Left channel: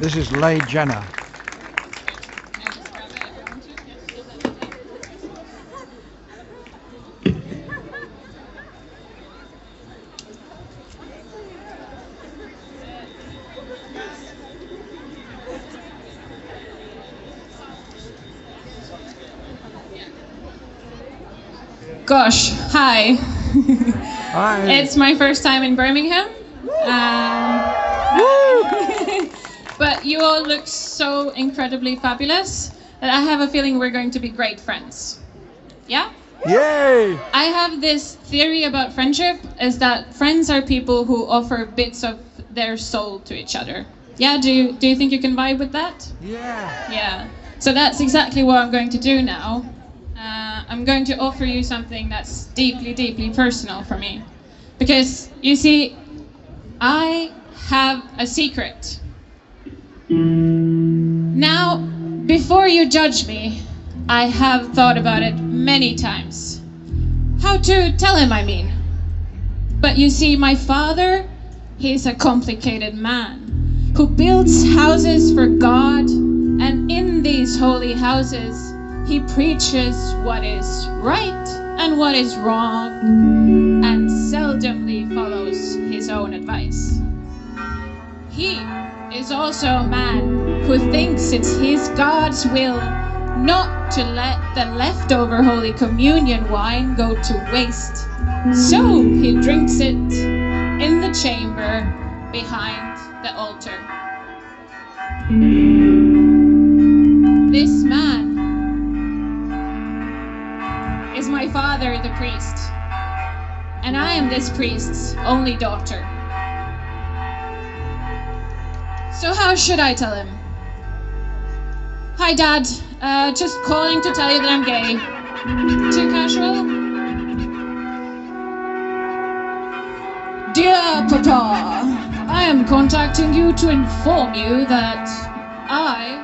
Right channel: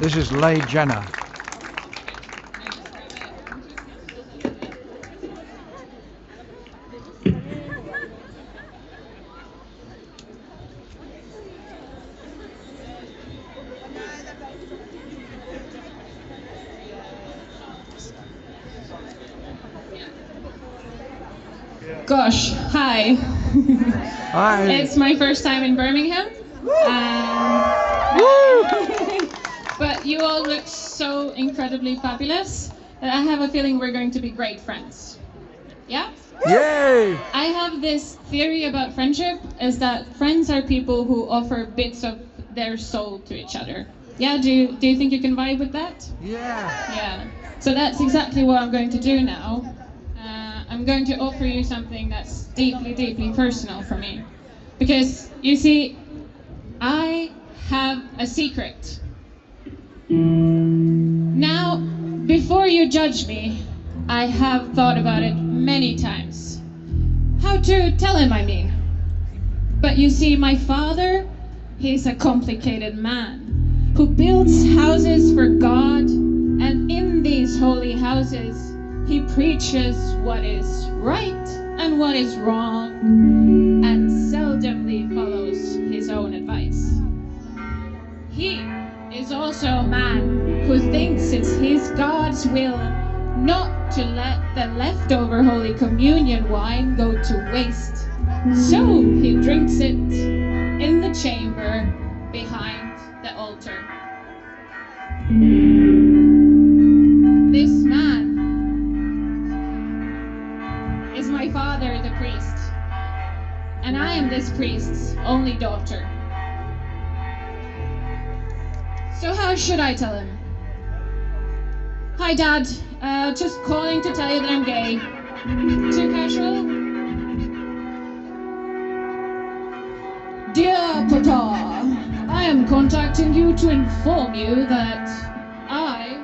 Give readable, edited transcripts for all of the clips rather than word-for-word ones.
This is Leigh Jenner. Gosh, hi. Hi. It's my first time in Birmingham. But you all look so incredibly fabulous that I have a feeling we're going to be great friends. Yeah? Yay! I have this theory about friendship is that friends are people who offer bits of their soul to each other. Yeah, do you think you can vibe with that? Yeah. Yeah. So that's exactly what I'm going to do now. I'm going to offer you something that's deeply, deeply personal for me. Because, you see, I have a secret. Now, before you judge me, I have thought about it many times. How to tell him, I mean. But you see, my father, he's a complicated man who builds houses for God, and in these holy houses, he preaches what is right and what is wrong, and seldomly follows his own advice. He is also a man who thinks it's his God's will not to let the leftover Holy Communion wine go to waste. So he drinks it in the chamber behind the altar. This man is my father, the priest, and I am this priest's only daughter. So how should I tell him? Hi, Dad. Just calling to tell you that I'm gay. Too casual? Dear Papa, I am contacting you to inform you that I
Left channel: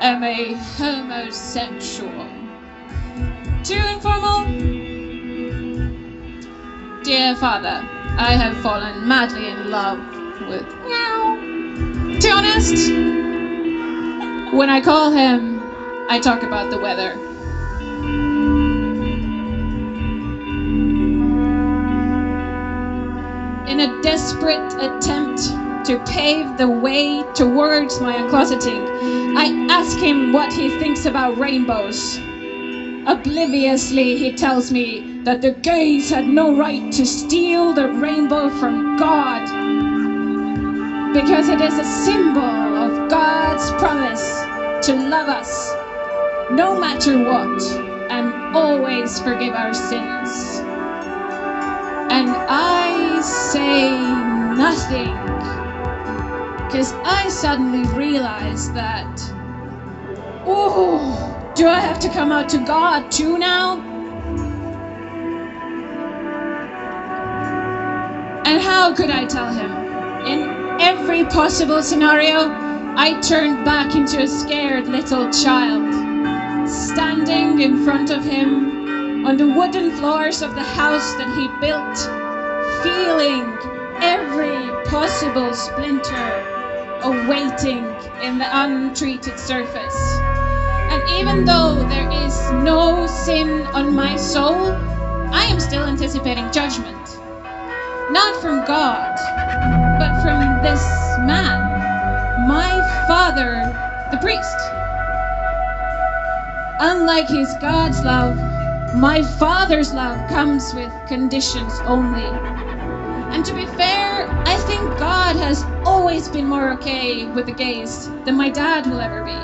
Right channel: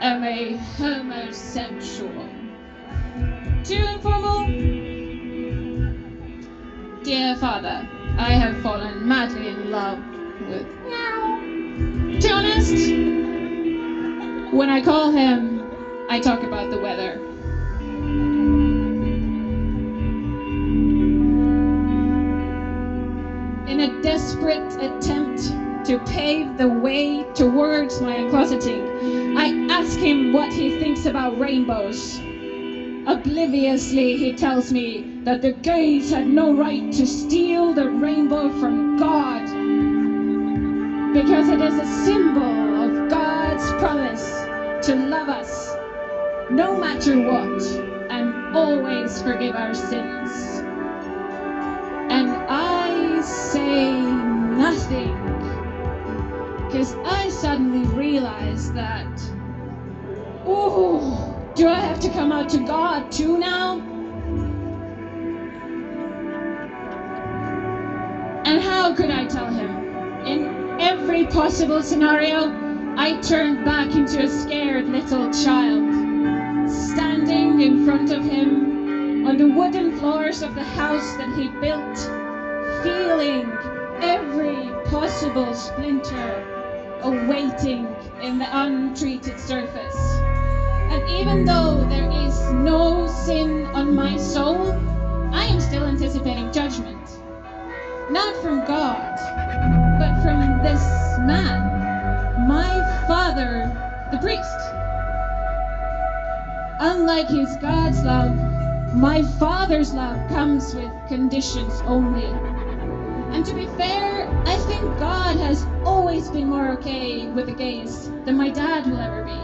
am a homosexual. Too informal? Dear Father, I have fallen madly in love with meow. To be honest, when I call him, I talk about the weather. In a desperate attempt to pave the way towards my uncloseting, I ask him what he thinks about rainbows. Obliviously, he tells me that the gays had no right to steal the rainbow from God, because it is a symbol of God's promise to love us no matter what and always forgive our sins. And I say nothing because I suddenly realize that, oh, do I have to come out to God too now? And how could I tell him? In every possible scenario, I turned back into a scared little child, standing in front of him on the wooden floors of the house that he built, feeling every possible splinter awaiting in the untreated surface. And even though there is no sin on my soul, I am still anticipating judgment. Not from God, but from this man, my father, the priest. Unlike his God's love, my father's love comes with conditions only. And to be fair, I think God has always been more okay with the gays than my dad will ever be.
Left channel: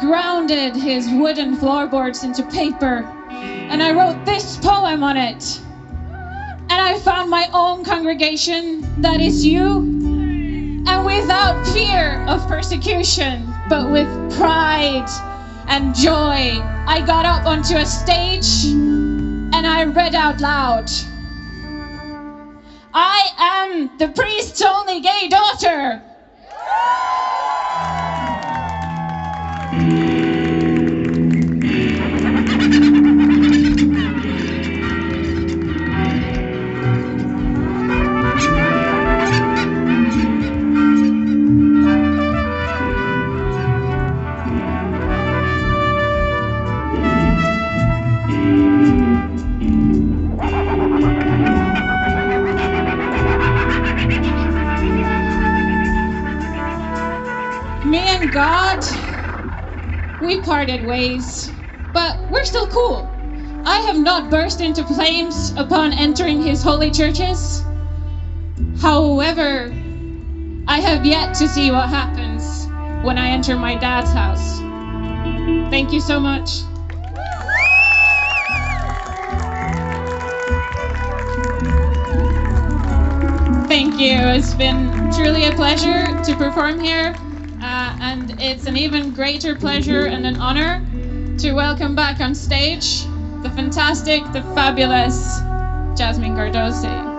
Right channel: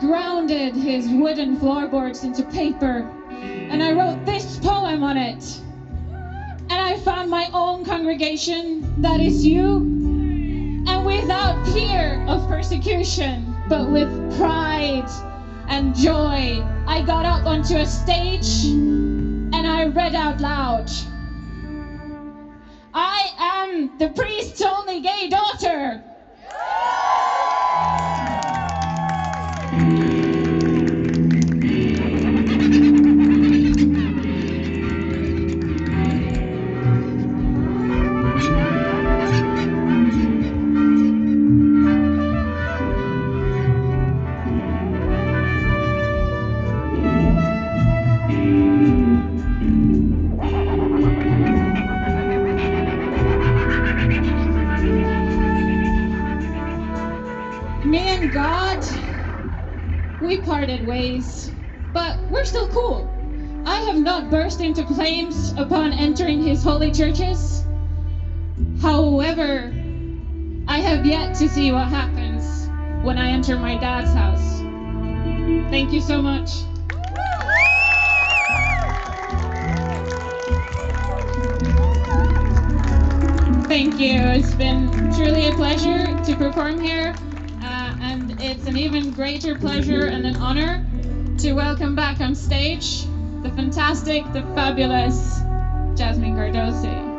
Grounded his wooden floorboards into paper, and I wrote this poem on it. And I found my own congregation, that is you, and without fear of persecution, but with pride and joy, I got up onto a stage and I read out loud, I am the priest's only gay daughter. Me and God, we parted ways, but we're still cool. I have not burst into flames upon entering his holy churches. However, I have yet to see what happens when I enter my dad's house. Thank you so much. Thank you. It's been truly a pleasure to perform here. And it's an even greater pleasure and an honor to welcome back on stage the fantastic, the fabulous Jasmine Cardosi.